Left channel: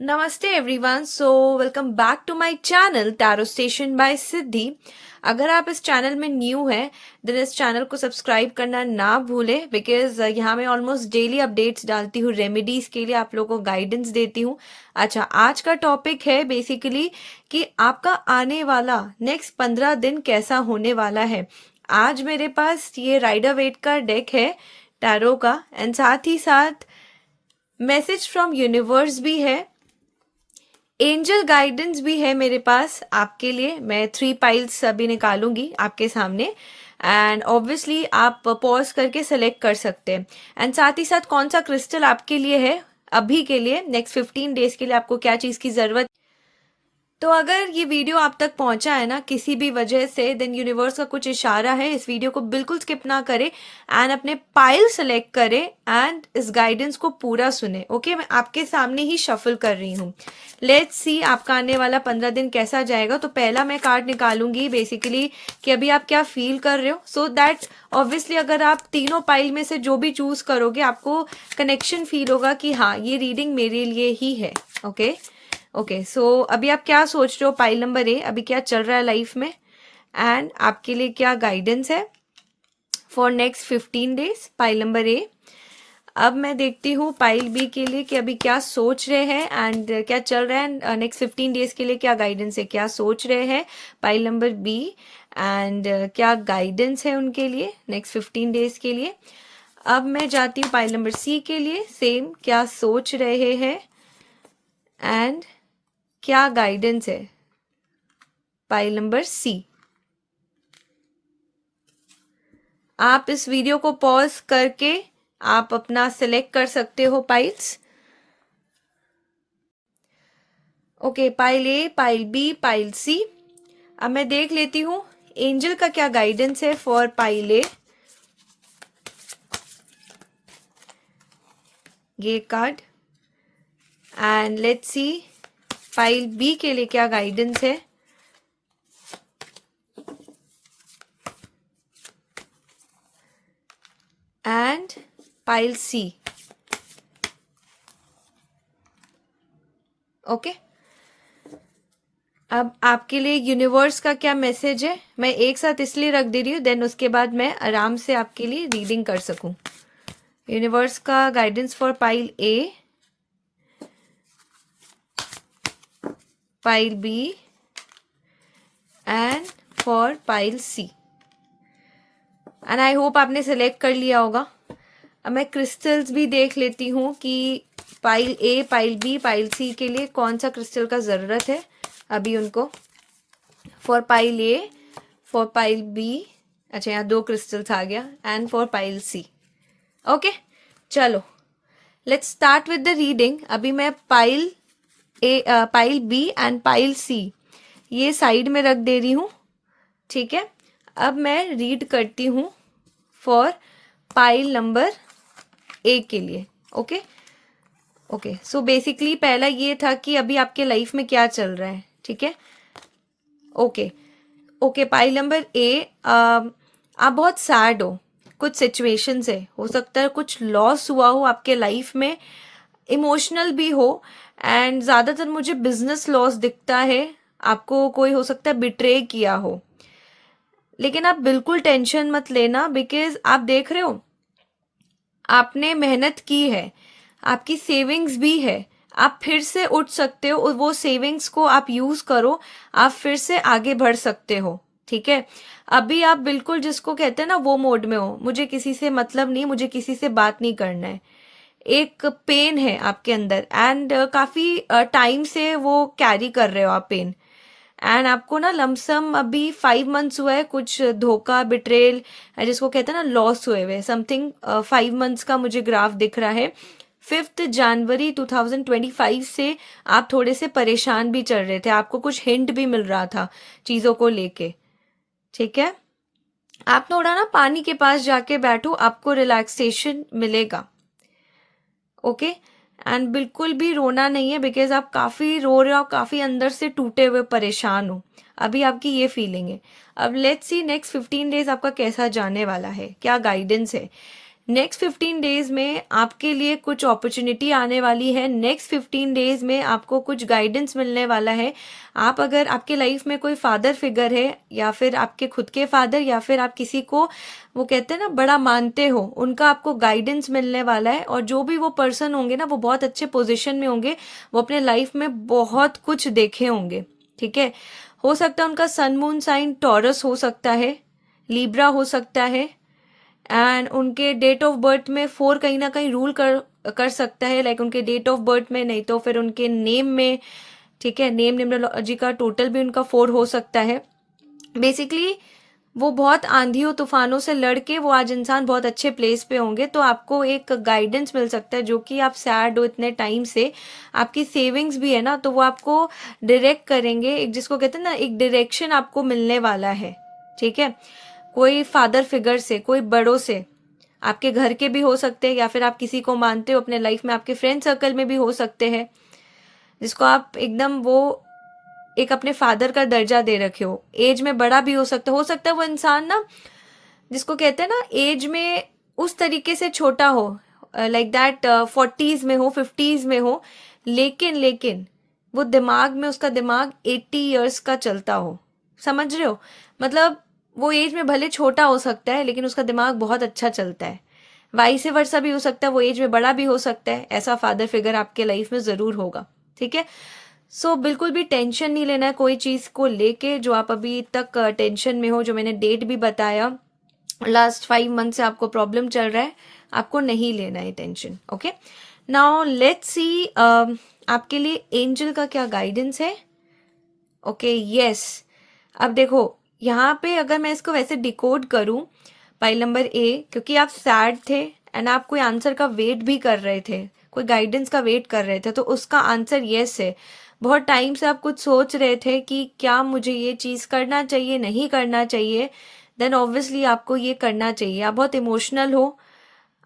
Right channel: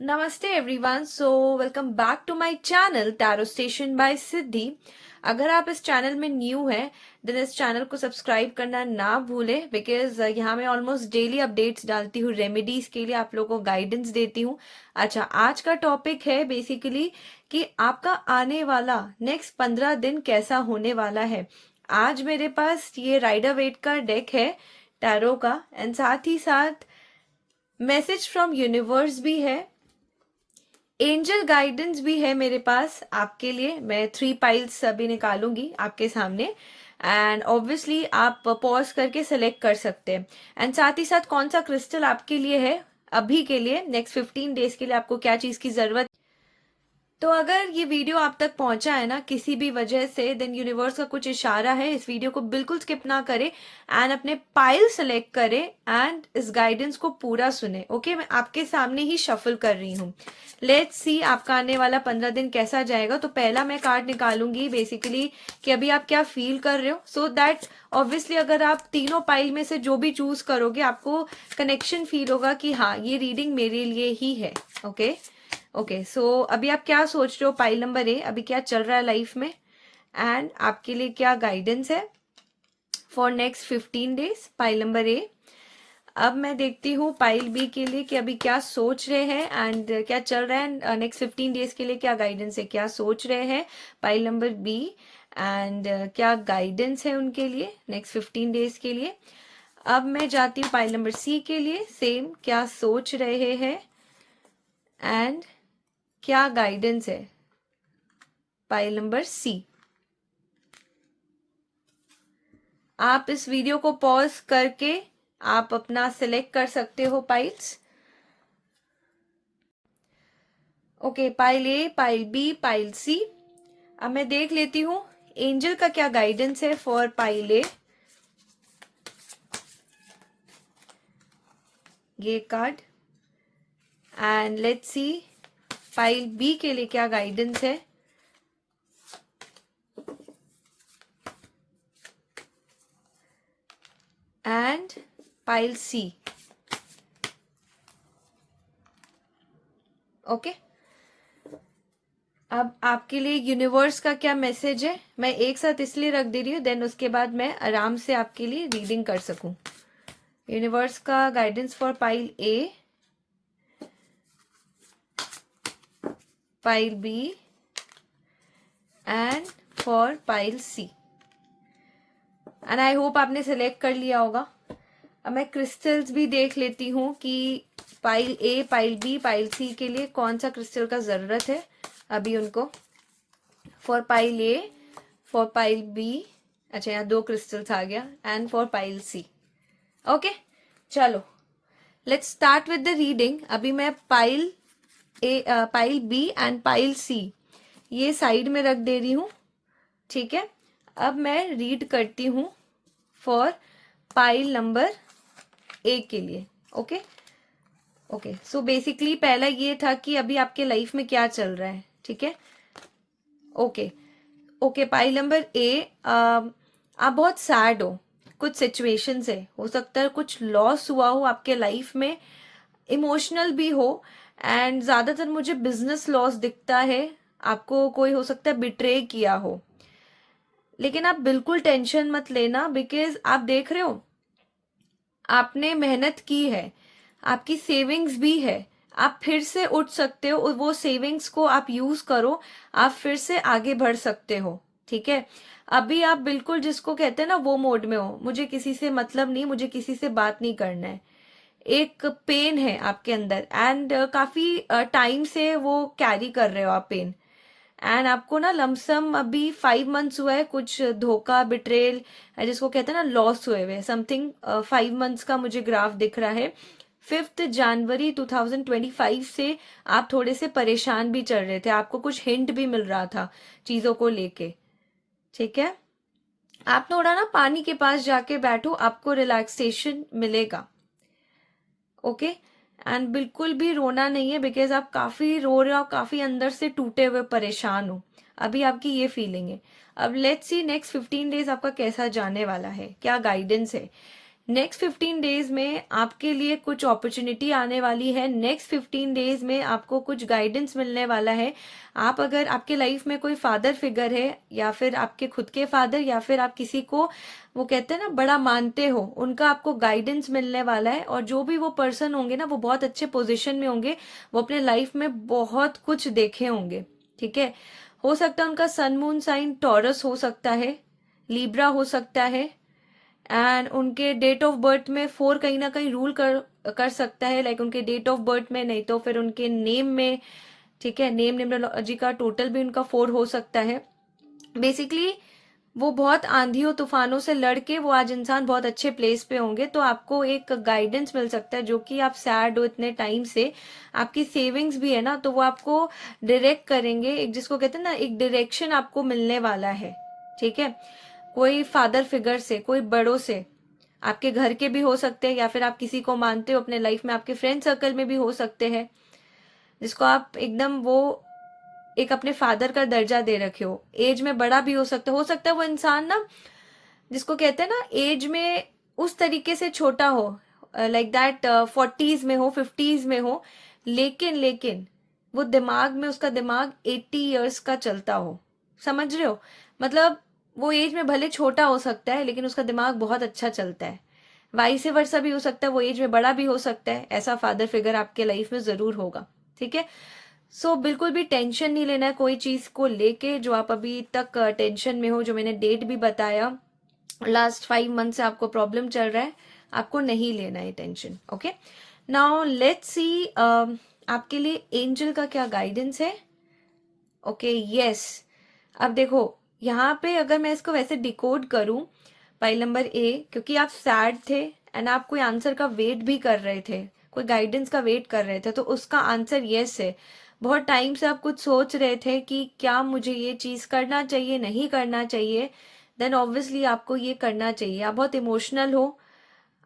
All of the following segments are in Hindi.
नमस्ते everyone. Welcome back to my channel tarot station by Siddhi. अगर आप इस चैनल में न्यू हैं देन इस चैनल को सब्सक्राइब करना ना भूलें, बिकॉज यहाँ मैं ऑलमोस्ट डेली अपडेट्स डालती हूँ, रेमेडीज के लिए आप लोगों को गाइडेंस देती हूँ। अच्छा, आज का टॉपिक है बेसिकली कि आपका आने वाला नेक्स्ट 15 दिन कैसा होने वाला है। आज मेरे पास ये राइडर वेट का डेक है टैरो का, एंड साथ ही साथ मैसेज फ्रॉम यूनिवर्स भी है, एंजल गाइडेंस भी है मेरे पास आपके लिए। मैं 3 पाइल्स अभी निकालूंगी आपके सामने, एंड ऑब्वियसली आप पॉज करके सेलेक्ट कर सकते हैं। एंड साथ ही साथ कौन सा क्रिस्टल आपके लिए है अभी के लिए, नेक्स्ट 15 डेज के लिए आपको क्या चीज़ की ज़रूरत। तो अगर ये वीडियो आप तक पहुंचा है ना किसी भी वजह से, देन यूनिवर्स का कुछ इशारा है, इस वीडियो को बिल्कुल स्किप ना करें एंड अपने पाइल सेलेक्ट करें एंड इस गाइडेंस को पूरा सुने। ओके, मैं आपके सामने ही शफल कर रही हूँ। लेट्स सी आपका आने वाला 15 दिन कैसा जाएगा। तो पहला मैं कार्ड निकालूंगी बेसिकली कि अभी आप क्या फील कर रहे हो, सो दैट ऑब्वियसली अगर आप तीनों पाइल में से जो भी चूज करोगे आपको कनेक्शन फील होगा कि हाँ ये रीडिंग मेरे लिए ही है। ओके, सो अभी आप क्या सोच रहे हो, पाइल नंबर ए अभी क्या चल रहा है लाइफ में एंड आपके लिए क्या गाइडेंस है for next 15 days, pile number A. अब मैं देखती हूँ पाइल बी के लिए कि अभी क्या सोच रहे हैं एंड क्या चल रहा है नेक्स्ट 15 डेज के लिए, क्या गाइडेंस है, क्या सोच रहे हैं पाइल नंबर बी एंड क्या गाइडेंस है उनके लिए नेक्स्ट 15 डेज के लिए। अब मैं जाती हूँ पाइल नंबर सी के लिए, सेम क्या सोच रहे हैं एंड क्या गाइडेंस है पाइल नंबर सी। आप इस वीडियो को पॉज करके आप अपना सिलेक्ट कर सकते हो piles. Okay, pile A, pile B, pile सी। अब मैं देख लेती हूँ एंजल का क्या गाइडेंस है फॉर पाइल ए, ये card, and let's see pile B के लिए क्या गाइडेंस है। And pile C. ओके, अब आपके लिए यूनिवर्स का क्या मैसेज है मैं एक साथ इसलिए रख दे रही हूँ, देन उसके बाद मैं आराम से आपके लिए रीडिंग कर सकूं। यूनिवर्स का guidance for pile A, pile B and for pile C, and I hope आपने सेलेक्ट कर लिया होगा। अब मैं क्रिस्टल्स भी देख लेती हूँ कि pile A, pile B, pile सी के लिए कौन सा क्रिस्टल का ज़रूरत है अभी उनको। For pile A, for pile B, अच्छा यहाँ 2 क्रिस्टल्स आ गया, and for pile C. Okay, चलो let's start with the reading. अभी मैं pile A, pile B and pile C ये साइड में रख दे रही हूँ, ठीक है। अब मैं रीड करती हूँ फॉर पाइल नंबर ए के लिए। ओके, सो बेसिकली पहला ये था कि अभी आपके लाइफ में क्या चल रहा है, ठीक है। ओके, पाइल नंबर ए, आप बहुत सैड हो, कुछ सिचुएशंस है, हो सकता है कुछ लॉस हुआ हो आपके लाइफ में, इमोशनल भी हो, एंड ज़्यादातर मुझे बिजनेस लॉस दिखता है, आपको कोई हो सकता है बिट्रे किया हो। लेकिन आप बिल्कुल टेंशन मत लेना, बिकॉज आप देख रहे हो आपने मेहनत की है, आपकी सेविंग्स भी है, आप फिर से उठ सकते हो और वो सेविंग्स को आप यूज करो, आप फिर से आगे बढ़ सकते हो, ठीक है। अभी आप बिल्कुल जिसको कहते हैं ना वो मोड में हो, मुझे किसी से मतलब नहीं, मुझे किसी से बात नहीं करना है। एक पेन है आपके अंदर एंड काफी टाइम से वो कैरी कर रहे हो आप पेन, एंड आपको ना लमसम अभी 5 मंथ्स हुआ है, कुछ धोखा, बिट्रेल, जिसको कहते हैं ना लॉस हुए हुए समथिंग, 5 मंथ्स का मुझे ग्राफ दिख रहा है। 5 जनवरी 2025 से आप थोड़े से परेशान भी चल रहे थे, आपको कुछ हिंट भी मिल रहा था चीज़ों को लेके, ठीक है। आप थोड़ा ना पानी के पास जाके बैठो, आपको रिलैक्सेशन मिलेगा। ओके, एंड बिल्कुल भी रोना नहीं है, बिकॉज आप काफ़ी रो रहे हो, काफ़ी अंदर से टूटे हुए परेशान हो, अभी आपकी ये फीलिंग है। अब लेट्स सी नेक्स्ट 15 डेज आपका कैसा जाने वाला है, क्या गाइडेंस है। नेक्स्ट 15 डेज में आपके लिए कुछ अपॉर्चुनिटी आने वाली है। नेक्स्ट 15 डेज में आपको कुछ गाइडेंस मिलने वाला है। आप अगर आपके लाइफ में कोई फादर फिगर है या फिर आपके खुद के फादर या फिर आप किसी को वो कहते हैं ना बड़ा मानते हो, उनका आपको गाइडेंस मिलने वाला है। और जो भी वो पर्सन होंगे ना वो बहुत अच्छे पोजीशन में होंगे, वो अपने लाइफ में बहुत कुछ देखे होंगे। ठीक है, हो सकता है उनका सन मून साइन टॉरस हो सकता है, लिब्रा हो सकता है, एंड उनके डेट ऑफ बर्थ में 4 कहीं ना कहीं रूल कर सकता है। लाइक उनके डेट ऑफ बर्थ में, नहीं तो फिर उनके नेम में। ठीक है, नेम न्यूमरोलॉजी का टोटल भी उनका 4 हो सकता है। बेसिकली वो बहुत आंधियों तूफानों से लड़के वो आज इंसान बहुत अच्छे प्लेस पे होंगे। तो आपको एक गाइडेंस मिल सकता है, जो कि आप सैड हो इतने टाइम से, आपकी सेविंग्स भी है ना, तो वो आपको डायरेक्ट करेंगे। एक जिसको कहते हैं ना, एक डायरेक्शन आपको मिलने वाला है। ठीक है, कोई फादर फिगर से, कोई बड़ों से, आपके घर के भी हो सकते हैं या फिर आप किसी को मानते हो अपने लाइफ में, आपके फ्रेंड सर्कल में भी हो सकते हैं, जिसको आप एकदम वो एक अपने फादर का दर्जा दे रखे हो। एज में बड़ा भी हो सकता है वो इंसान ना, जिसको कहते हैं ना एज में उस तरीके से छोटा हो, लाइक दैट 40s में हो, 50s में हो, लेकिन वो दिमाग में, उसका दिमाग 80 ईयर्स का चलता हो। समझ रहे हो? मतलब वो एज में भले छोटा हो सकता है लेकिन उसका दिमाग बहुत अच्छा चलता है। वाइस वर्सा भी हो सकता है, वो एज में बड़ा भी हो सकता है। ऐसा फादर फिगर आपके लाइफ में जरूर होगा। ठीक है, सो बिल्कुल भी टेंशन नहीं लेना है कोई चीज को लेके। जो आप अभी तक टेंशन में हो, जो मैंने डेट भी बताया, लास्ट 5 मंथ से आपको प्रॉब्लम चल रहा है, आपको नहीं लेना है टेंशन। ओके, नाउ लेट्स सी आपके लिए एंजल का क्या गाइडेंस है। ओके, यस, अब देखो यहाँ पे अगर मैं इसको वैसे डिकोड करूं, फाइल नंबर ए, क्योंकि आप सैड थे एंड आप कोई आंसर का वेट भी कर रहे थे, कोई गाइडेंस का वेट कर रहे थे, तो उसका आंसर यस है। बहुत टाइम से आप कुछ सोच रहे थे कि क्या मुझे ये चीज करना चाहिए, नहीं करना चाहिए, देन ऑब्वियसली आपको ये करना चाहिए। आप बहुत इमोशनल हो,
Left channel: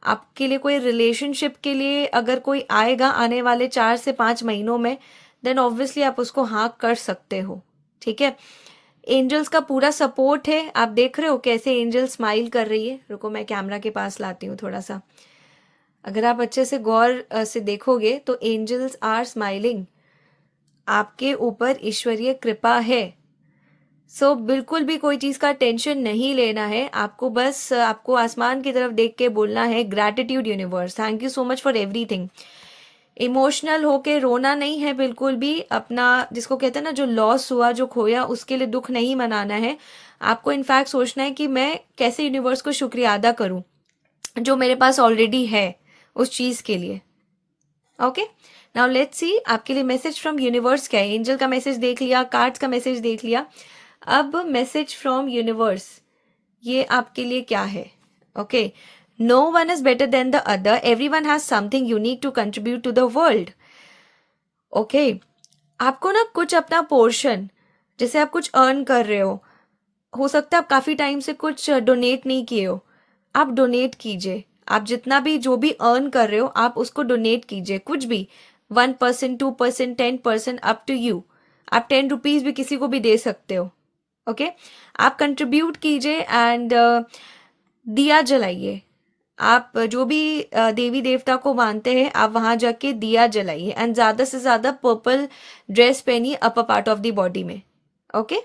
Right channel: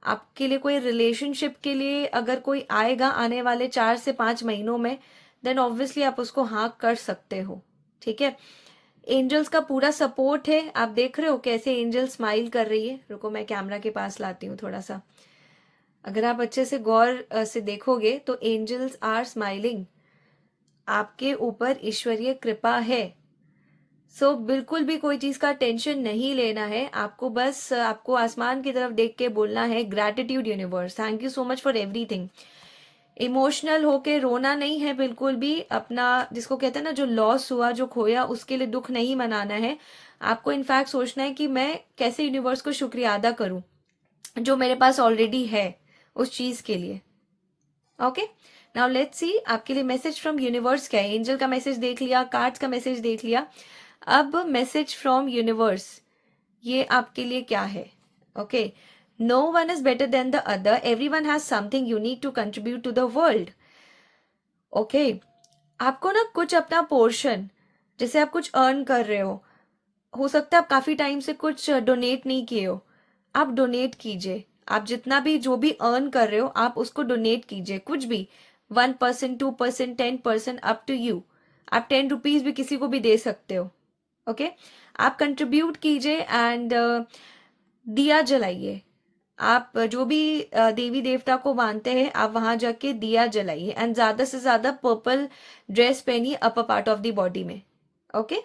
आपके लिए कोई रिलेशनशिप के लिए अगर कोई आएगा आने वाले 4 से 5 महीनों में, देन ऑब्वियसली आप उसको हाँ कर सकते हो। ठीक है, एंजल्स का पूरा सपोर्ट है। आप देख रहे हो कैसे एंजल स्माइल कर रही है। रुको मैं कैमरा के पास लाती हूँ थोड़ा सा। अगर आप अच्छे से गौर से देखोगे तो एंजल्स आर स्माइलिंग, आपके ऊपर ईश्वरीय कृपा है। सो बिल्कुल भी कोई चीज का टेंशन नहीं लेना है आपको, बस आपको आसमान की तरफ देख के बोलना है gratitude universe, thank you so much for everything. Emotional होके रोना नहीं है बिल्कुल भी। अपना जिसको कहते हैं ना, जो लॉस हुआ, जो खोया, उसके लिए दुख नहीं मनाना है आपको। इनफैक्ट सोचना है कि मैं कैसे यूनिवर्स को शुक्रिया अदा करूं जो मेरे पास ऑलरेडी है उस चीज के लिए। ओके, नाउ लेट्स सी आपके लिए मैसेज फ्रॉम यूनिवर्स क्या है। एंजल का मैसेज देख लिया, कार्ड्स का मैसेज देख लिया, अब मैसेज फ्रॉम यूनिवर्स ये आपके लिए क्या है। Okay, no one is better than the other, everyone has something unique to contribute to the world. Okay, आपको ना कुछ अपना पोर्शन, जैसे आप कुछ अर्न कर रहे हो सकता है आप काफी टाइम से कुछ डोनेट नहीं किए हो, आप डोनेट कीजिए। आप जितना भी जो भी अर्न कर रहे हो आप उसको डोनेट कीजिए, कुछ भी, 1%, 2%, 10%, अप टू यू। आप 10 रुपीज भी किसी को भी दे सकते हो। ओके, आप कंट्रीब्यूट कीजिए एंड दिया जलाइए। आप जो भी देवी देवता को मानते हैं आप वहां जाके दिया जलाइए एंड ज्यादा से ज्यादा पर्पल ड्रेस पहनिए upper part of the body में। ओके,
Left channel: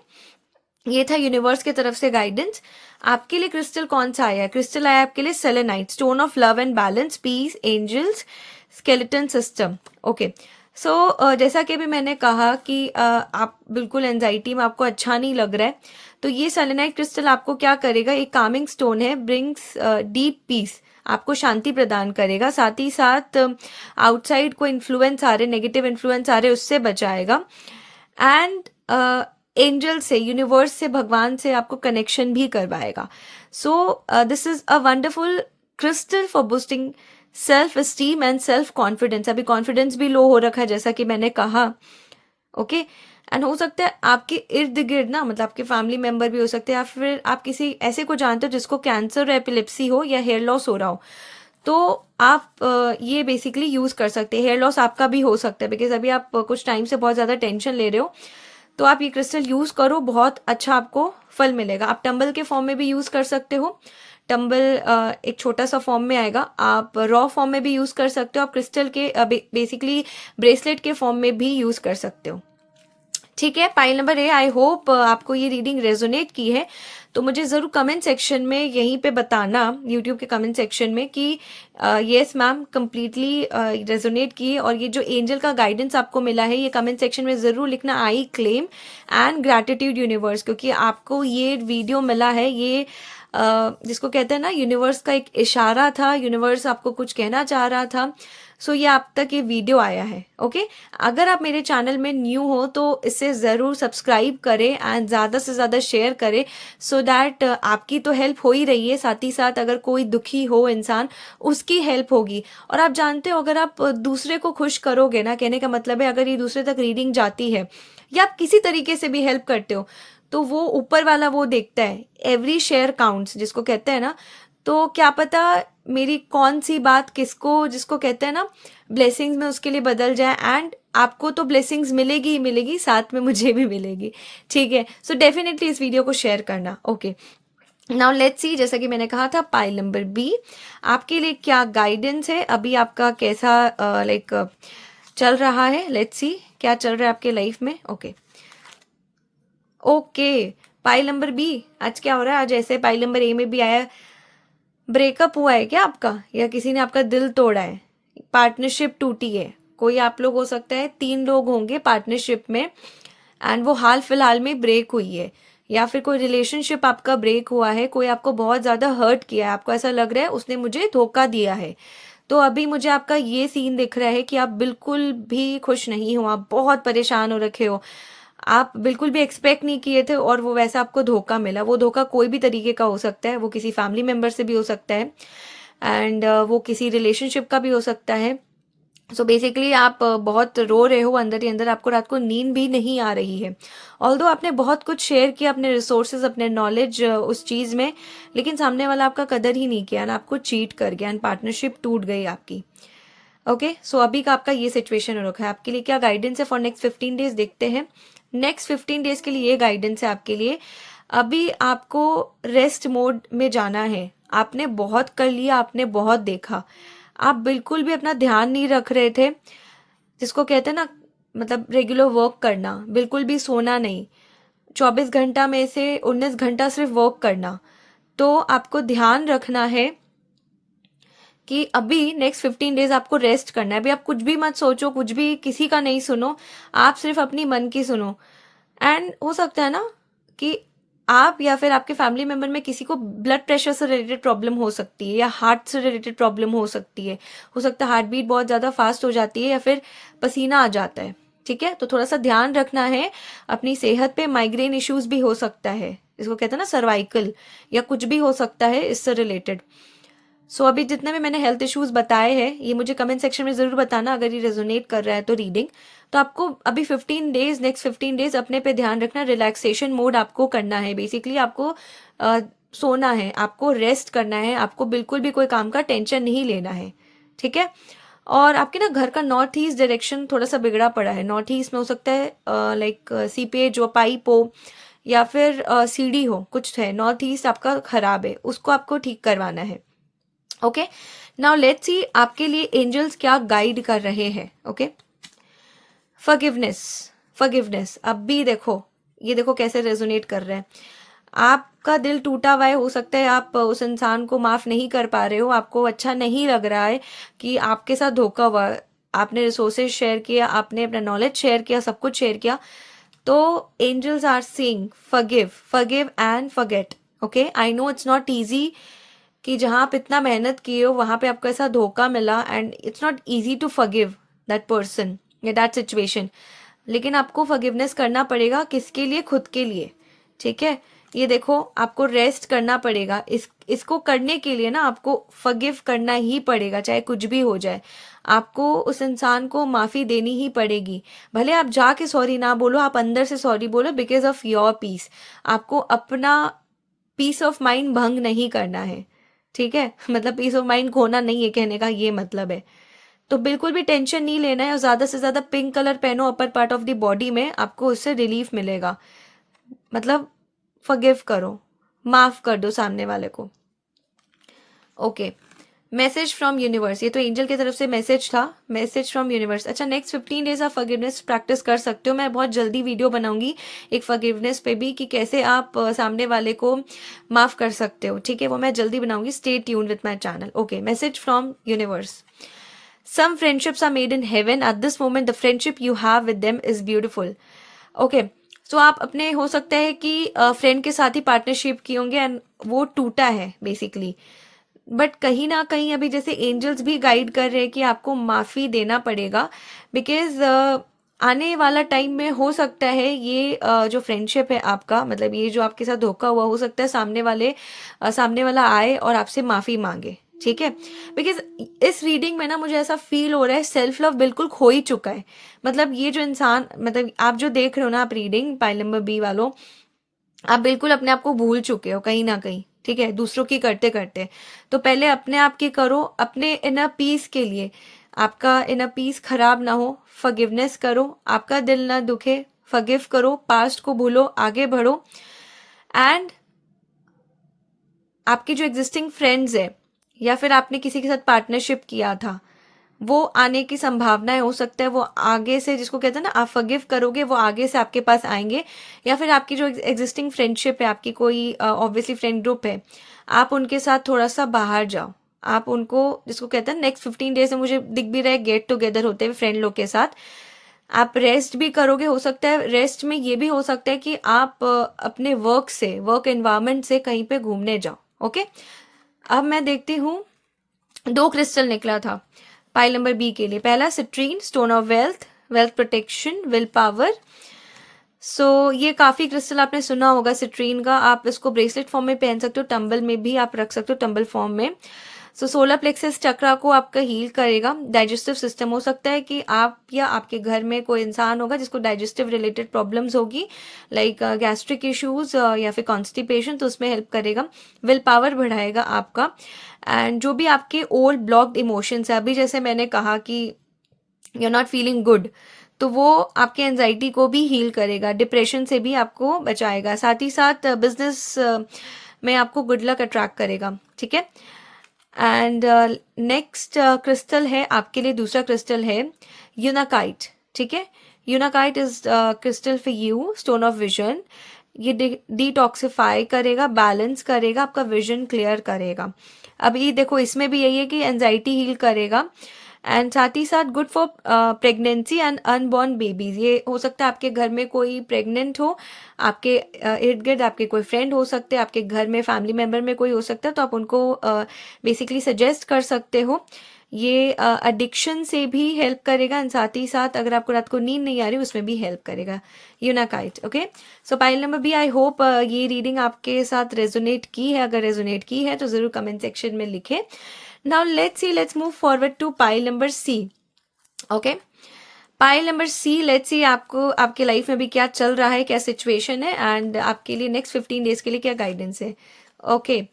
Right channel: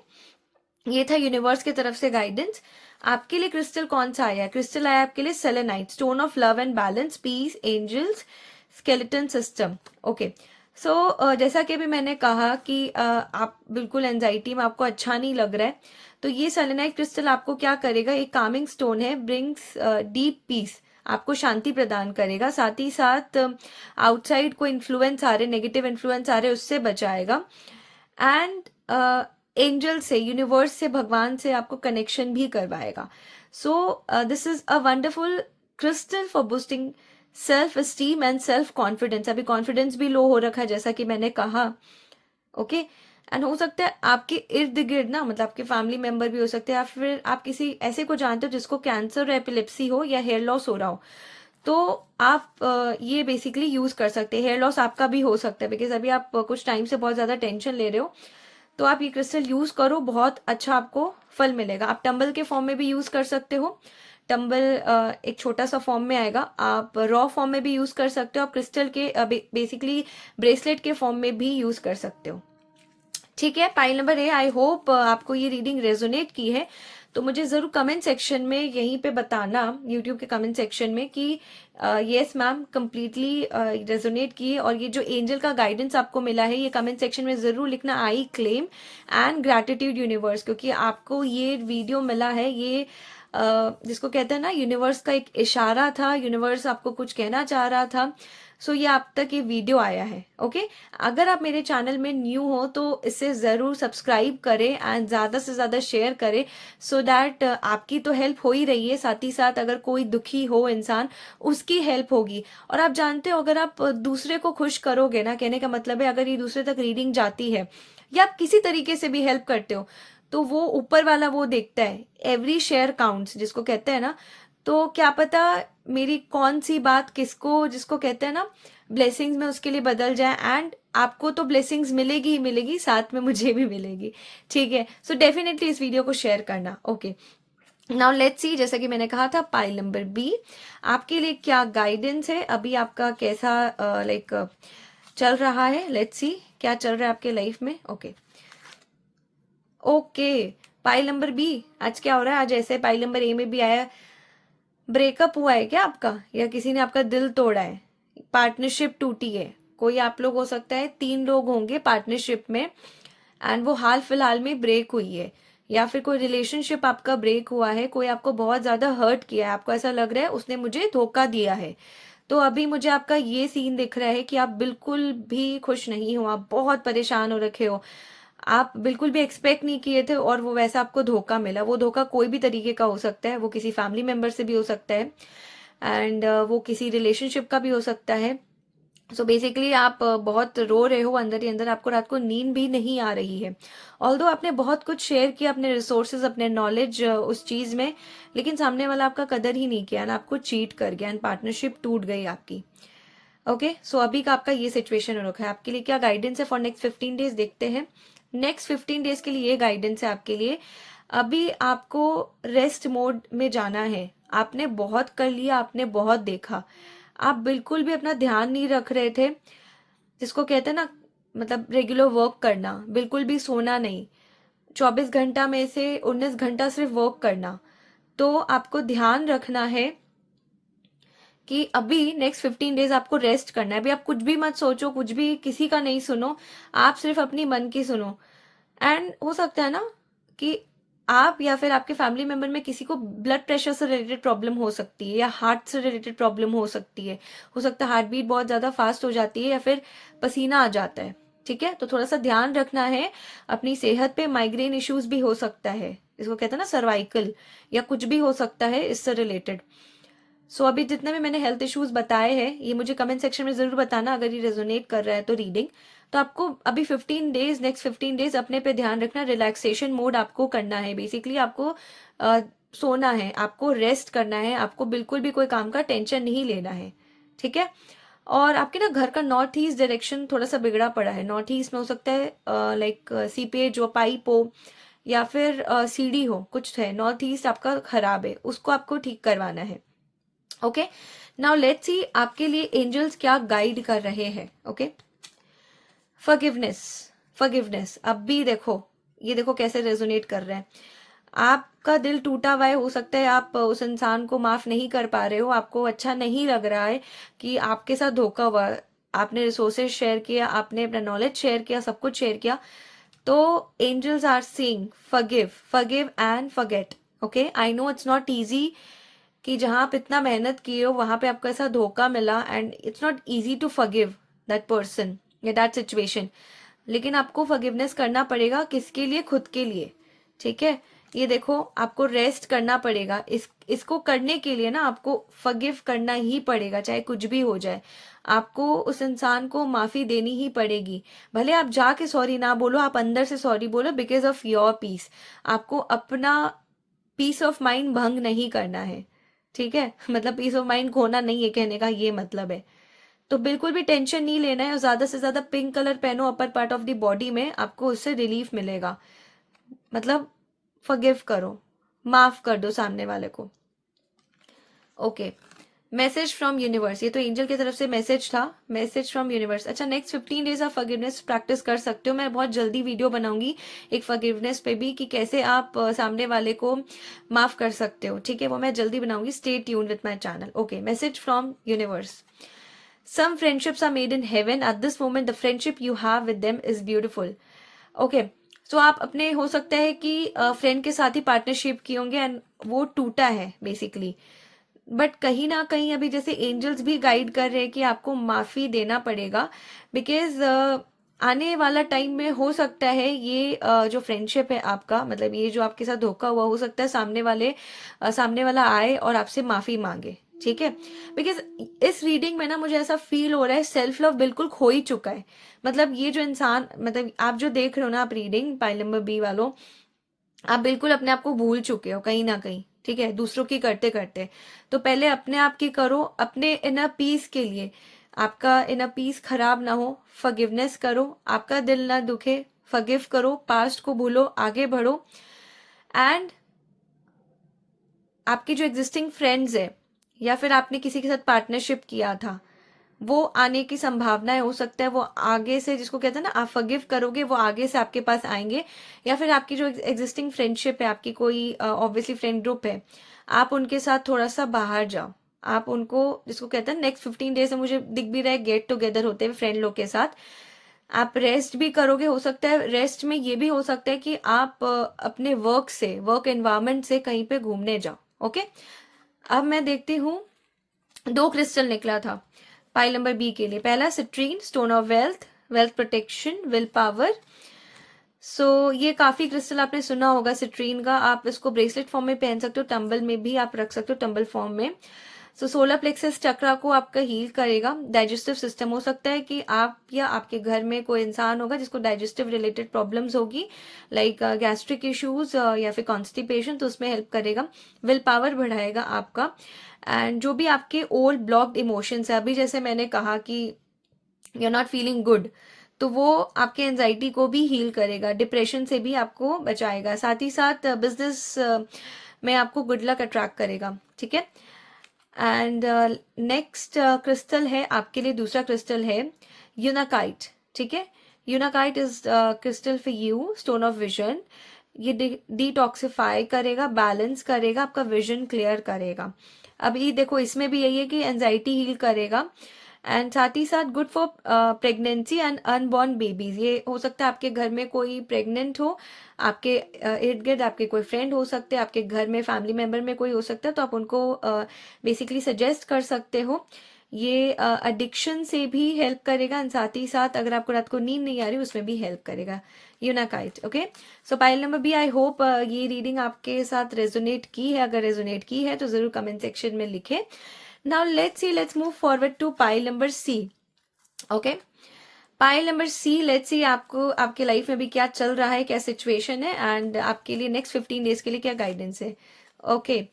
ये था यूनिवर्स की तरफ से गाइडेंस। आपके लिए क्रिस्टल कौन सा आया है? क्रिस्टल आया आपके लिए selenite, stone of love and balance, peace, angels, skeleton system. Okay, so जैसा कि अभी मैंने कहा कि आप बिल्कुल एंजाइटी में, आपको अच्छा नहीं लग रहा है, तो ये सेलेनाइट क्रिस्टल आपको क्या करेगा, एक कामिंग स्टोन है, ब्रिंग्स डीप पीस, आपको शांति प्रदान करेगा। साथ ही साथ आउटसाइड को इन्फ्लुएंस आ रहे, नेगेटिव इन्फ्लुएंस आ रहे, उससे बचाएगा। एंड एंजल से, यूनिवर्स से, भगवान से आपको कनेक्शन भी करवाएगा। So this is a wonderful crystal for boosting self esteem and self confidence. अभी कॉन्फिडेंस भी लो हो रखा है जैसा कि मैंने कहा। ओके, एंड हो सकता है आपके इर्द गिर्द ना, मतलब आपके फैमिली मेंबर भी हो सकते हैं, या फिर आप किसी ऐसे को जानते हो जिसको कैंसर, एपिलेप्सी हो या हेयर लॉस हो रहा हो, तो आप ये बेसिकली यूज कर सकते हैं। हेयर लॉस आपका भी हो सकता है बिकॉज अभी आप कुछ टाइम से बहुत ज्यादा टेंशन ले रहे हो, तो आप ये क्रिस्टल यूज करो, बहुत अच्छा आपको फल मिलेगा। आप टंबल के फॉर्म में भी यूज कर सकते हो। टम्बल एक छोटा सा फॉर्म में आएगा, आप रॉ फॉर्म में भी यूज़ कर सकते हो, आप क्रिस्टल के बेसिकली ब्रेसलेट के फॉर्म में भी यूज़ कर सकते हो। ठीक है, pile number A, I hope आपको ये रीडिंग रेजोनेट की है। तो मुझे ज़रूर कमेंट सेक्शन में यहीं पे बताना, यूट्यूब के कमेंट सेक्शन में, कि येस मैम कंप्लीटली रेजोनेट की है। और ये जो एंजल का गाइडेंस आपको मिला है, ये कमेंट सेक्शन में ज़रूर लिखना, I claim and gratitude universe, क्योंकि आपको ये वीडियो मिला है, ये जिसको कहते हैं ना, यूनिवर्स का एक इशारा था, यूनिवर्स आपको कुछ कहना चाह रहा था। सो ये आप तक ये वीडियो आया है। ओके, अगर आप मेरे चैनल में न्यू हो तो इसे ज़रूर सब्सक्राइब करें एंड ज़्यादा से ज़्यादा शेयर करें, सो दैट आपकी तो हेल्प हो ही रही है, साथ ही साथ अगर कोई दुखी हो इंसान, उसकी हेल्प होगी। और आप जानते हो, अगर आप दूसरे को खुश करोगे ना, कहने का मतलब है अगर ये दूसरे तक रीडिंग जाती है या आप किसी तरीके से भी हेल्प करते हो, तो वो ऊपर वाला वो देखता है, एवरी शेयर काउंट्स जिसको कहते हैं ना। तो क्या पता मेरी कौन सी बात किसको, जिसको कहते हैं ना, ब्लेसिंग्स में उसके लिए बदल जाए, एंड आपको तो ब्लेसिंग्स मिलेगी ही मिलेगी, साथ में मुझे भी मिलेगी। ठीक है, सो डेफिनेटली इस वीडियो को शेयर करना। ओके, नाउ लेट्स सी, जैसा कि मैंने कहा था, पाइल नंबर बी आपके लिए क्या गाइडेंस है, अभी आपका कैसा लाइक चल रहा है। लेट्स सी क्या चल रहा है आपके लाइफ में। Okay okay, pile number B, आज क्या हो रहा है? आज ऐसे पाइल नंबर ए में भी आया, ब्रेकअप हुआ है क्या आपका, या किसी ने आपका दिल तोड़ा है, पार्टनरशिप टूटी है। कोई आप लोग हो सकता है, 3 लोग होंगे पार्टनरशिप में, एंड वो हाल फिलहाल में ब्रेक हुई है, या फिर कोई रिलेशनशिप आपका ब्रेक हुआ है, कोई आपको बहुत ज़्यादा हर्ट किया है, आपको ऐसा लग रहा है उसने मुझे धोखा दिया है। तो अभी मुझे आपका ये सीन दिख रहा है कि आप बिल्कुल भी खुश नहीं हो, आप बहुत परेशान हो रखे हो, आप बिल्कुल भी एक्सपेक्ट नहीं किए थे और वो वैसा आपको धोखा मिला। वो धोखा कोई भी तरीके का हो सकता है, वो किसी फैमिली मेम्बर से भी हो सकता है, एंड वो किसी रिलेशनशिप का भी हो सकता है। सो बेसिकली आप बहुत रो रहे हो अंदर ही अंदर, आपको रात को नींद भी नहीं आ रही है। ऑल्दो आपने बहुत कुछ शेयर किया, अपने रिसोर्सेज, अपने नॉलेज उस चीज़ में, लेकिन सामने वाला आपका कदर ही नहीं किया, ना आपको चीट कर गया, एंड पार्टनरशिप टूट गई आपकी। ओके, सो अभी का आपका ये सिचुएशन हो रखा है। आपके लिए क्या गाइडेंस है फॉर नेक्स्ट 15 डेज, देखते हैं। नेक्स्ट 15 डेज के लिए ये गाइडेंस है आपके लिए। अभी आपको रेस्ट मोड में जाना है, आपने बहुत कर लिया, आपने बहुत देखा, आप बिल्कुल भी अपना ध्यान नहीं रख रहे थे, जिसको कहते हैं ना, मतलब रेगुलर वर्क करना, बिल्कुल भी सोना नहीं, 24 घंटा में से 19 घंटा सिर्फ वर्क करना। तो आपको ध्यान रखना है कि अभी नेक्स्ट 15 डेज आपको रेस्ट करना है। अभी आप कुछ भी मत सोचो, कुछ भी किसी का नहीं सुनो, आप सिर्फ अपनी मन की सुनो। एंड हो सकता है ना कि आप या फिर आपके फैमिली मेंबर में किसी को ब्लड प्रेशर से रिलेटेड प्रॉब्लम हो सकती है, या हार्ट से रिलेटेड प्रॉब्लम हो सकती है। हो सकता है हार्ट बीट बहुत ज़्यादा फास्ट हो जाती है, या फिर पसीना आ जाता है। ठीक है, तो थोड़ा सा ध्यान रखना है अपनी सेहत पे। माइग्रेन इश्यूज भी हो सकता है, इसको कहते हैं ना सर्वाइकल, या कुछ भी हो सकता है इससे रिलेटेड। सो अभी जितने भी मैंने हेल्थ इश्यूज बताए हैं, ये मुझे कमेंट सेक्शन में ज़रूर बताना अगर ये रेजोनेट कर रहा है तो रीडिंग। तो आपको अभी 15 डेज, नेक्स्ट 15 डेज अपने पे ध्यान रखना, रिलैक्सेशन मोड आपको करना है। बेसिकली आपको सोना है, आपको रेस्ट करना है, आपको बिल्कुल भी कोई काम का टेंशन नहीं लेना है। ठीक है, और आपके ना घर का नॉर्थ ईस्ट डायरेक्शन थोड़ा सा बिगड़ा पड़ा है। नॉर्थ ईस्ट में हो सकता है लाइक सीपेज जो पाइप हो, या फिर सीढ़ी हो, कुछ है नॉर्थ ईस्ट आपका खराब है, उसको आपको ठीक करवाना है। ओके, नाउ लेट्स सी आपके लिए एंजल्स क्या गाइड कर रहे हैं। ओके, फॉरगिवनेस, फॉरगिवनेस, अब भी देखो, ये देखो कैसे रेजोनेट कर रहे हैं। आपका दिल टूटा हुआ है, हो सकता है आप उस इंसान को माफ नहीं कर पा रहे हो, आपको अच्छा नहीं लग रहा है कि आपके साथ धोखा हुआ। आपने रिसोर्सेज शेयर किया, आपने अपना नॉलेज शेयर किया, सब कुछ शेयर किया। तो angels are saying forgive, forgive and forget. Okay, I know it's not easy कि जहाँ आप इतना मेहनत किए हो वहाँ पे आपको ऐसा धोखा मिला, and it's not easy to forgive that person या दैट सिचुएशन। लेकिन आपको फॉरगिवनेस करना पड़ेगा, किसके लिए? खुद के लिए। ठीक है, ये देखो आपको रेस्ट करना पड़ेगा, इसको करने के लिए ना आपको फॉरगिव करना ही पड़ेगा, चाहे कुछ भी हो जाए। आपको उस इंसान को माफ़ी देनी ही पड़ेगी। भले आप जाके सॉरी ना बोलो, आप अंदर से सॉरी बोलो, बिकॉज ऑफ योर पीस। आपको अपना पीस ऑफ माइंड भंग नहीं करना है। ठीक है, मतलब पीस ऑफ माइंड खोना नहीं है, कहने का ये मतलब है। तो बिल्कुल भी टेंशन नहीं लेना है, और ज़्यादा से ज़्यादा पिंक कलर पहनो upper part of the body में, आपको उससे रिलीफ मिलेगा। मतलब फॉरगिव करो, माफ़ कर दो सामने वाले को। ओके, मैसेज फ्रॉम यूनिवर्स, ये तो एंजल की तरफ से मैसेज था, मैसेज फ्रॉम यूनिवर्स। अच्छा, नेक्स्ट 15 डेज आप फॉरगिवनेस प्रैक्टिस कर सकते हो। मैं बहुत जल्दी वीडियो बनाऊंगी एक फॉरगिवनेस पे भी, कि कैसे आप सामने वाले को माफ कर सकते हो, ठीक है, वो मैं जल्दी बनाऊंगी। Stay tune with my channel. Okay, message from universe. Some friendships are made in heaven. At this moment, the friendship you have with them is beautiful. Okay, so आप अपने, हो सकता है कि फ्रेंड के साथ ही पार्टनरशिप की होंगे एंड वो टूटा है बेसिकली, बट कहीं ना कहीं अभी जैसे एंजल्स भी गाइड कर रहे हैं कि आपको माफी देना पड़ेगा, बिकॉज आने वाला टाइम में हो सकता है ये जो फ्रेंडशिप है आपका, मतलब ये जो आपके साथ धोखा हुआ, हो सकता है सामने वाला आए और आपसे माफी मांगे, ठीक है। बिकॉज इस रीडिंग में ना मुझे ऐसा फील हो रहा है सेल्फ लव बिल्कुल खो ही चुका है। मतलब ये जो इंसान, मतलब आप जो देख रहे हो ना, आप रीडिंग पाइल नंबर बी वालों, आप बिल्कुल अपने आप को भूल चुके हो कहीं ना कहीं, ठीक है, दूसरों की करते करते। तो पहले अपने आप की करो, अपने इनर पीस के लिए, आपका इनर पीस खराब ना हो, फॉरगिवनेस करो, आपका दिल ना दुखे, फॉरगिव करो, पास्ट को भूलो, आगे बढ़ो। एंड आपकी जो एग्जिस्टिंग फ्रेंड्स है, या फिर आपने किसी के साथ पार्टनरशिप किया था, वो आने की संभावनाएं, हो सकता है वो आगे से, जिसको कहते हैं ना, आप फॉरगिव करोगे, वो आगे से आपके पास आएंगे। या फिर आपकी जो एग्जिस्टिंग फ्रेंडशिप है, आपकी कोई ऑब्वियसली फ्रेंड ग्रुप है, आप उनके साथ थोड़ा सा बाहर जाओ। आप उनको, जिसको कहते हैं नेक्स्ट 15 डेज में मुझे दिख भी रहा है गेट टुगेदर होते हुए फ्रेंड लोग के साथ, आप रेस्ट भी करोगे। हो सकता है रेस्ट में ये भी हो सकता है कि आप अपने वर्क एनवायरमेंट से कहीं पे घूमने जाओ। ओके, अब मैं देखती हूँ, 2 क्रिस्टल निकला था पाइल नंबर बी के लिए। पहला citrine, stone of wealth, wealth protection, will power. So ये काफी क्रिस्टल आपने सुना होगा सिट्रीन का, आप इसको ब्रेसलेट फॉर्म में पहन सकते हो, टंबल में भी आप रख सकते हो, टंबल फॉर्म में। सो सोलर प्लेक्सस चक्रा को आपका हील करेगा। डाइजेस्टिव सिस्टम, हो सकता है कि आप या आपके घर में कोई इंसान होगा जिसको डाइजेस्टिव रिलेटेड प्रॉब्लम्स होगी, लाइक गैस्ट्रिक इश्यूज या फिर कॉन्स्टिपेशन, तो उसमें हेल्प करेगा। विल पावर बढ़ाएगा आपका। एंड जो भी आपके ओल्ड ब्लॉक्ड इमोशंस है, अभी जैसे मैंने कहा कि you are not feeling good, तो वो आपके एंजाइटी को भी हील करेगा, डिप्रेशन से भी आपको बचाएगा, साथ ही साथ बिजनेस में आपको गुड लक अट्रैक्ट करेगा, ठीक है। एंड नेक्स्ट क्रिस्टल है आपके लिए, दूसरा क्रिस्टल है यूनाकाइट, ठीक है। Unakite is crystal for you, stone of vision. ये डिटॉक्सिफाई करेगा, बैलेंस करेगा, आपका विजन क्लियर करेगा। अभी देखो इसमें भी यही है कि एंजाइटी हील करेगा, एंड साथ ही साथ good for pregnancy and unborn babies. ये हो सकता है आपके घर में कोई प्रेग्नेंट हो, आपके इर्द गिर्द आपके कोई फ्रेंड हो सकते हैं, आपके घर में फैमिली मेंबर में कोई हो सकता है, तो आप उनको बेसिकली सजेस्ट कर सकते हो। ये एडिक्शन से भी हेल्प करेगा, एंड साथ ही साथ अगर आपको रात को नींद नहीं आ रही उसमें भी हेल्प करेगा unakite. Okay, so pile number B, I hope ये रीडिंग आपके साथ रेजोनेट की है। अगर रेजोनेट की है तो जरूर कमेंट सेक्शन में लिखें। Now let's move forward to pile number C. Okay, pile number C, let's see आपको आपके लाइफ में भी क्या चल रहा है, क्या सिचुएशन है, एंड आपके लिए नेक्स्ट 15 डेज के लिए क्या गाइडेंस है। ओके,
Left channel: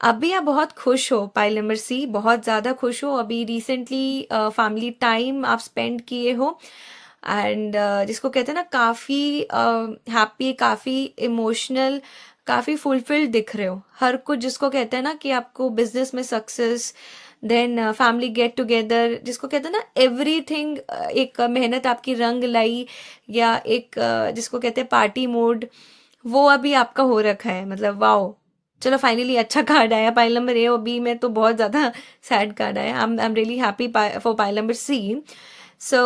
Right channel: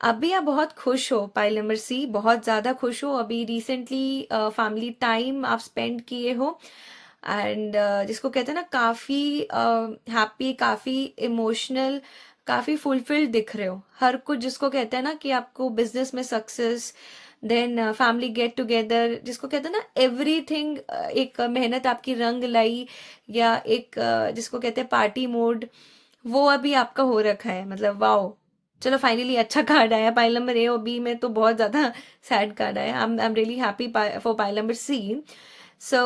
अभी आप बहुत खुश हो पाइल नंबर सी, बहुत ज़्यादा खुश हो। अभी रिसेंटली फैमिली टाइम आप स्पेंड किए हो, एंड जिसको कहते हैं ना, काफ़ी हैप्पी, काफ़ी इमोशनल, काफ़ी फुलफिल्ड दिख रहे हो। हर कुछ, जिसको कहते हैं ना कि आपको बिजनेस में success, then family get together, जिसको कहते हैं ना एवरीथिंग, एक मेहनत आपकी रंग लाई, या एक जिसको कहते हैं पार्टी मोड, वो अभी आपका हो रखा है। मतलब वाओ, चलो फाइनली अच्छा कार्ड आया पाइल नंबर ए और बी में, तो बहुत ज़्यादा सैड कार्ड आया। I am really happy for pile number C. So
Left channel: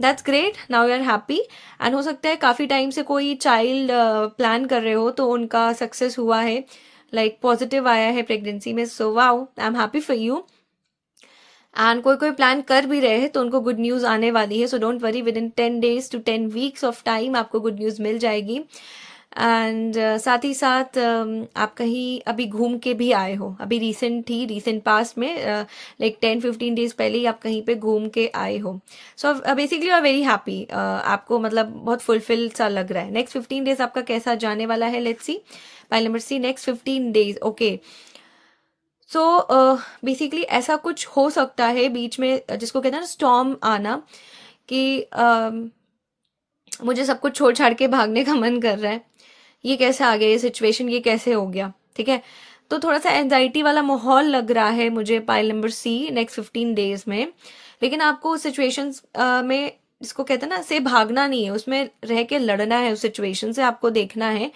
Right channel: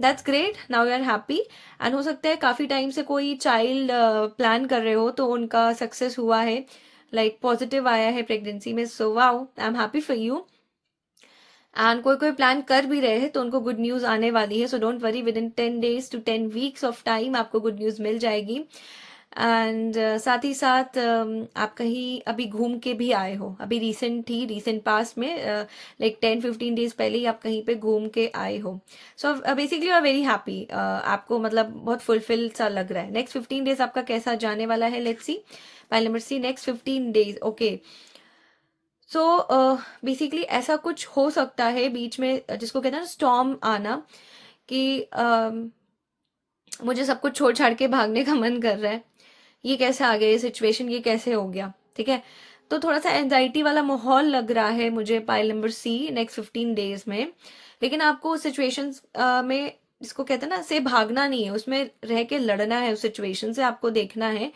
that's great, now you are happy. And हो सकता है काफ़ी टाइम से कोई चाइल्ड प्लान कर रहे हो, तो उनका सक्सेस हुआ है, लाइक पॉजिटिव आया है प्रेगनेंसी में। So wow, I am happy for you. And कोई कोई प्लान कर भी रहे हैं तो उनको गुड न्यूज़ आने वाली है। So don't worry, with in 10 days to 10 weeks of time आपको गुड न्यूज़ मिल जाएगी। एंड साथ ही साथ आप कहीं अभी घूम के भी आए हो, अभी रिसेंट पास्ट में, लाइक 10-15 डेज पहले ही आप कहीं पे घूम के आए हो। So basically you are very happy, आपको मतलब बहुत फुलफिल सा लग रहा है। नेक्स्ट 15 डेज आपका कैसा जाने वाला है, let's see pile number C, next 15 days. Okay, so basically ऐसा कुछ हो सकता है बीच में, जिसको कहते हैं ना स्टॉर्म आना, कि मुझे सब कुछ छोड़ छाड़ के भागने का मन कर रहा है, ये कैसे आ गया, ये सिचुएशन ये कैसे हो गया, ठीक है। तो थोड़ा सा एंजाइटी वाला माहौल लग रहा है मुझे pile number C next 15 days में। लेकिन आपको उस सिचुएशन में, जिसको कहते हैं ना, से भागना नहीं है, उसमें रह के लड़ना है, उस सिचुएशन से आपको देखना है।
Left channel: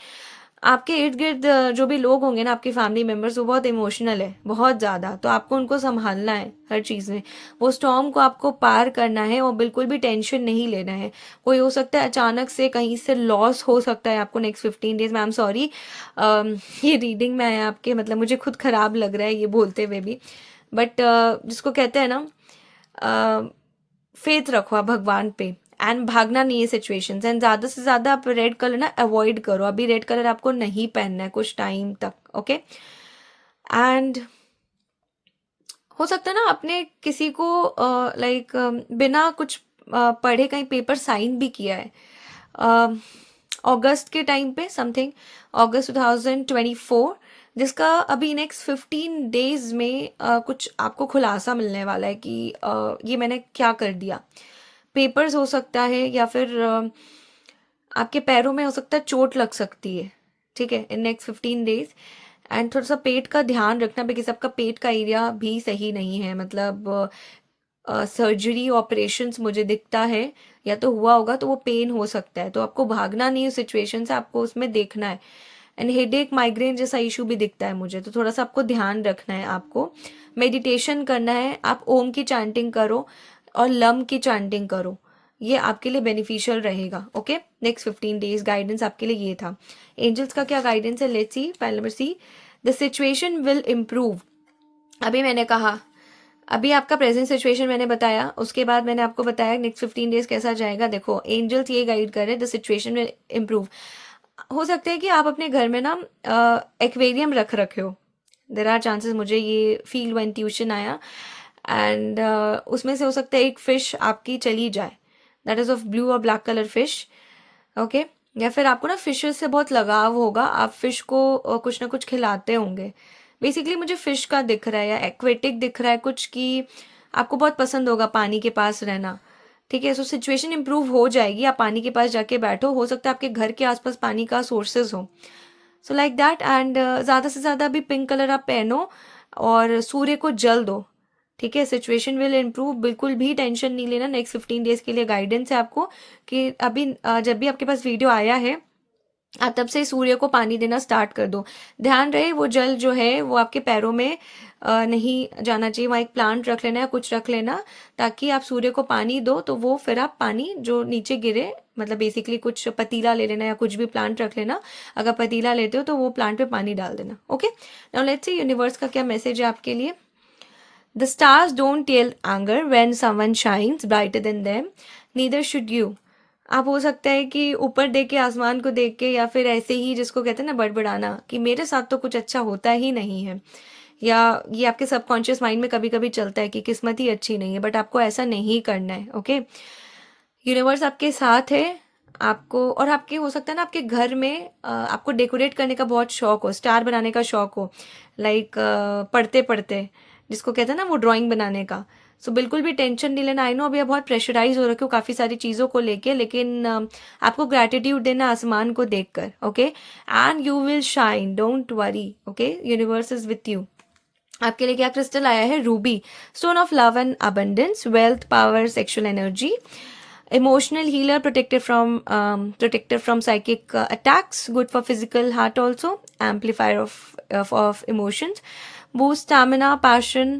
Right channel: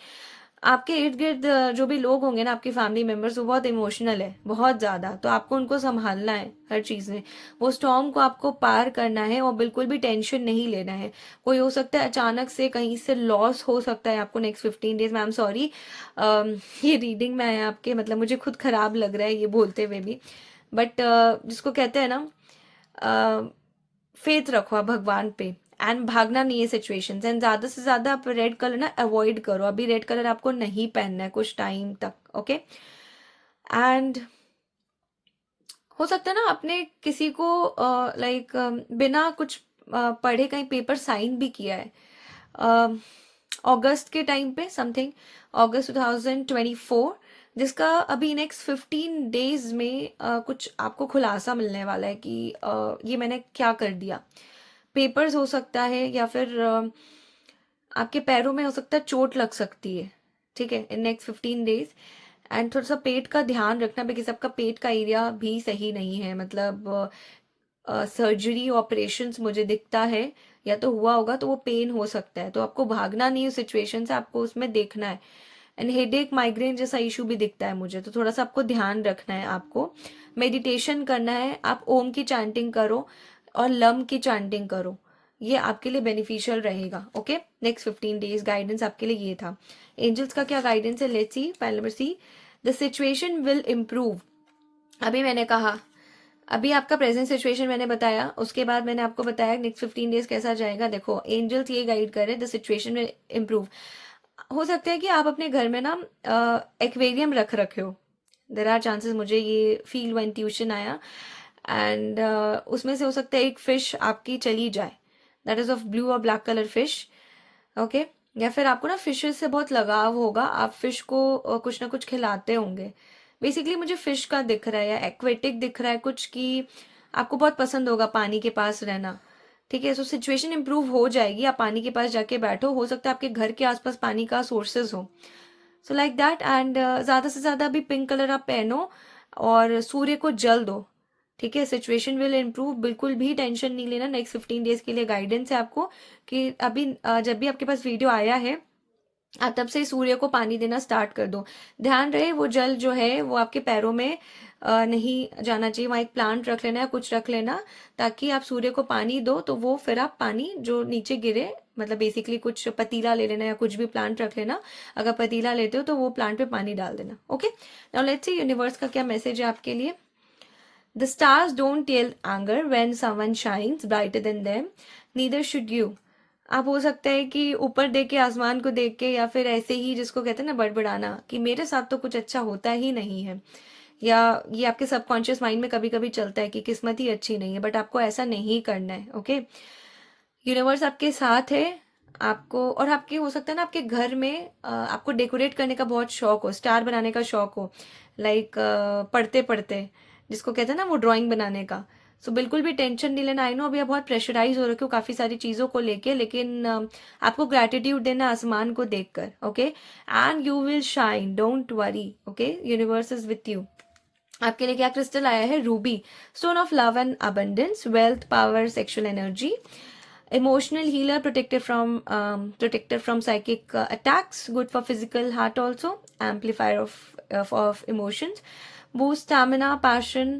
आपके इर्द गिर्द जो भी लोग होंगे ना, आपकी फैमिली मेंबर्स, वो बहुत इमोशनल है, बहुत ज़्यादा, तो आपको उनको संभालना है हर चीज़ में। वो स्टॉर्म को आपको पार करना है और बिल्कुल भी टेंशन नहीं लेना है। कोई हो सकता है अचानक से कहीं से लॉस हो सकता है आपको नेक्स्ट 15 डेज में। आई एम सॉरी, ये रीडिंग में आया आपके, मतलब मुझे खुद खराब लग रहा है ये बोलते हुए भी, बट जिसको कहते हैं ना, फेथ रखो आप भगवान पे, एंड भागना नहीं है सिचुएशन एंड ज़्यादा से ज़्यादा आप रेड कलर ना अवॉइड करो। अभी रेड कलर आपको नहीं पहनना है कुछ टाइम तक, ओके। एंड हो सकता है ना आपने किसी को लाइक बिना कुछ पढ़े कहीं पेपर साइन भी किया है अगस्त के टाइम पे, समथिंग अगस्त 2024, जिसका अभी नेक्स्ट 15 डेज में कुछ आपको खुलासा मिलने वाला है कि ये मैंने क्या कर दिया। पेपर्स हो सकता है, या फिर आपके पैरों में हो सकता है चोट लग सकती है, ठीक है, इन नेक्स्ट 15 डेज। एंड थोड़ा सा पेट का ध्यान रखना, बिकॉज आपका पेट का एरिया भी सही नहीं है, मतलब सर्जरी ऑपरेशंस मुझे दिखता है, या तो हुआ होगा तो वो पेन हो सकता है, तो आपको भागना नहीं है सिचुएशन से, आपको उसमें देखना है। एंड हेडेक माइग्रेन जैसा इशू भी दिखता है मुझे, तो थोड़ा सा आपको ध्यान रखना है। आपको मेडिटेशन करना है, आप ओम की चैंटिंग करो और लम की चैंटिंग करो, ये आपके लिए बेनिफिशियल रहेगा, ओके। नेक्स्ट 15 डेज गाइडेंस आपके लिए ये था। एंजल्स का क्या गाइडेंस है, लेट्स सी। पहले number C, the situation will improve. अभी मैंने कहा, अभी आपका प्रेजेंट सिचुएशन मैंने बताया, उसके बाद मैंने आपको बताया नेक्स्ट 15 डेज कैसा जाएगा। देखो एंजल्स ये गाइड कर रहे हैं, द सिचुएशन विल इम्प्रूव। हो सकता है कि आप अपने घर में ना एक्वेरियम रख रखे हो, देर आर चांसेस, मुझे ये फील व इंट्यूशन आया। एंड उसमें से हो सकता है एक फिश आपकी चली जाए, दैट इज ऑफ ब्लू और ब्लैक कलर फिश, ओके। या फिर आपको ना फिशेस से बहुत लगाव होगा, आप फिश को कुछ ना कुछ खिलाते होंगे। बेसिकली मुझे फिश का दिख रहा है, या एक्वेटिक दिख रहा है कुछ, कि आपको बहुत पसंद होगा पानी के पास रहना, ठीक है। सो सिचुएशन इंप्रूव हो जाएगी, आप पानी के पास जाके बैठो, हो सकता है आपके घर के आसपास पानी का सोर्सेज हो, सो लाइक दैट। एंड ज़्यादा से ज़्यादा अभी पिंक कलर आप पहनो और सूर्य को जल दो, ठीक है। सिचुएशन विल इम्प्रूव, बिल्कुल भी टेंशन नहीं लेना। नेक्स्ट 15 डेज के लिए गाइडेंस है आपको कि अभी जब भी आपके पास वीडियो आया है, आप तब से सूर्य को पानी देना स्टार्ट कर दो। ध्यान रहे वो जल जो है वो आपके पैरों में नहीं जाना चाहिए, वहाँ एक प्लांट रख लेना या कुछ रख लेना, ताकि आप सूर्य को पानी दो तो वो फिर आप पानी जो नीचे गिरे, मतलब बेसिकली कुछ पतीला ले लेना या कुछ भी प्लांट रख लेना। अगर पतीला लेते हो तो वो प्लांट पे पानी डाल देना, okay. Now let's see universe का क्या मैसेज है आपके लिए। The stars don't tell anger when someone shines brighter than them, neither should you. आप हो सकता है कि ऊपर देख के, आसमान को देख के, या फिर ऐसे ही जिसको कहते हैं ना बड़बड़ाना कि मेरे साथ तो कुछ अच्छा होता ही नहीं है, या ये आपके सबकॉन्शियस माइंड में कभी कभी चलता है कि किस्मत ही अच्छी नहीं है, बट आपको ऐसा नहीं करना है, ओके। यूनिवर्स आपके साथ है। आपको, और आपके हो सकता है ना आपके घर में आपको डेकोरेट करने का बहुत शौक हो, स्टार बनाने का शौक हो, लाइक पढ़ते पढ़ते जिसको कहते हैं ना वो ड्राइंग बनाने का। सो बिल्कुल भी टेंशन नहीं लेना। आई नो अभी आप बहुत प्रेशराइज हो रखे हो काफ़ी सारी चीज़ों को लेके, लेकिन आपको ग्रैटिट्यूड देना आसमान को देखकर, okay. And you will shine, don't worry, okay, universe is with you. आपके लिए क्या क्रिस्टल आया है, Ruby, stone of love and abundance, wealth, power, sexual energy, emotional healer, protector from psychic attacks, good for physical heart also, amplifier of emotions, boost stamina, passion,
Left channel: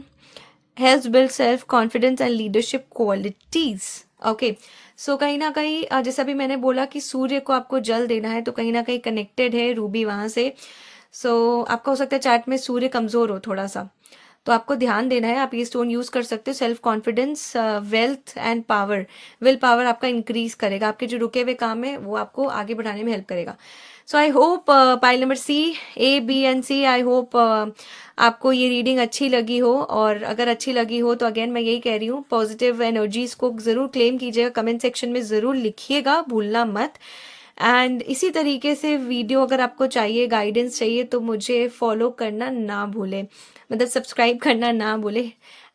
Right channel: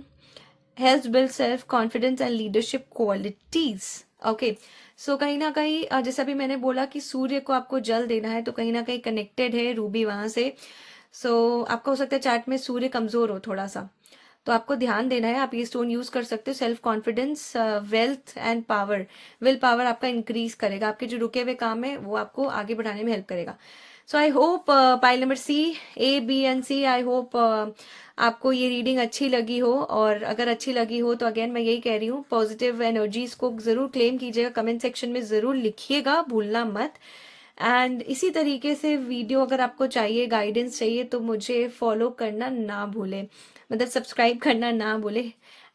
helps build self confidence and leadership qualities, okay। सो कहीं ना कहीं जैसा भी मैंने बोला कि सूर्य को आपको जल देना है, तो कहीं ना कहीं कनेक्टेड है रूबी वहां से। सो आपका हो सकता है चैट में सूर्य कमजोर हो थोड़ा सा, तो आपको ध्यान देना है। आप ये स्टोन यूज कर सकते हो। Self confidence, wealth and power, will power आपका इंक्रीज करेगा, आपके जो रुके हुए काम है वो आपको आगे बढ़ाने में हेल्प करेगा। So I hope pile number C, A, B and C, I hope आपको ये रीडिंग अच्छी लगी हो। और अगर अच्छी लगी हो तो अगेन मैं यही कह रही हूँ, पॉजिटिव एनर्जीज को जरूर क्लेम कीजिएगा, कमेंट सेक्शन में जरूर लिखिएगा, भूलना मत। एंड इसी तरीके से वीडियो अगर आपको चाहिए, गाइडेंस चाहिए, तो मुझे फॉलो करना ना भूले, मतलब सब्सक्राइब करना ना भूले।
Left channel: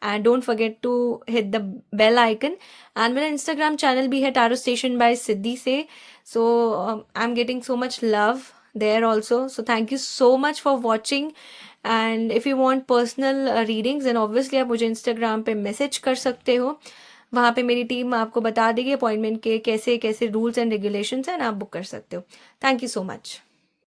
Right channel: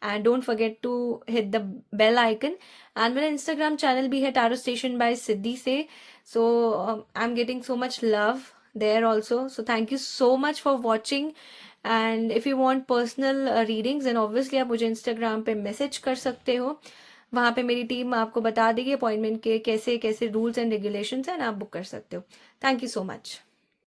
And don't forget to hit the bell icon. And मेरा इंस्टाग्राम चैनल भी है टैरो स्टेशन बाय सिद्धि से, so I am getting so much love there also. So thank you so much for watching and if you want personal readings then obviously आप मुझे इंस्टाग्राम पे मैसेज कर सकते हो, वहाँ पे मेरी टीम आपको बता देगी अपॉइंटमेंट के कैसे कैसे रूल्स एंड रेगुलेशंस हैं, आप बुक कर सकते हो। Thank you so much.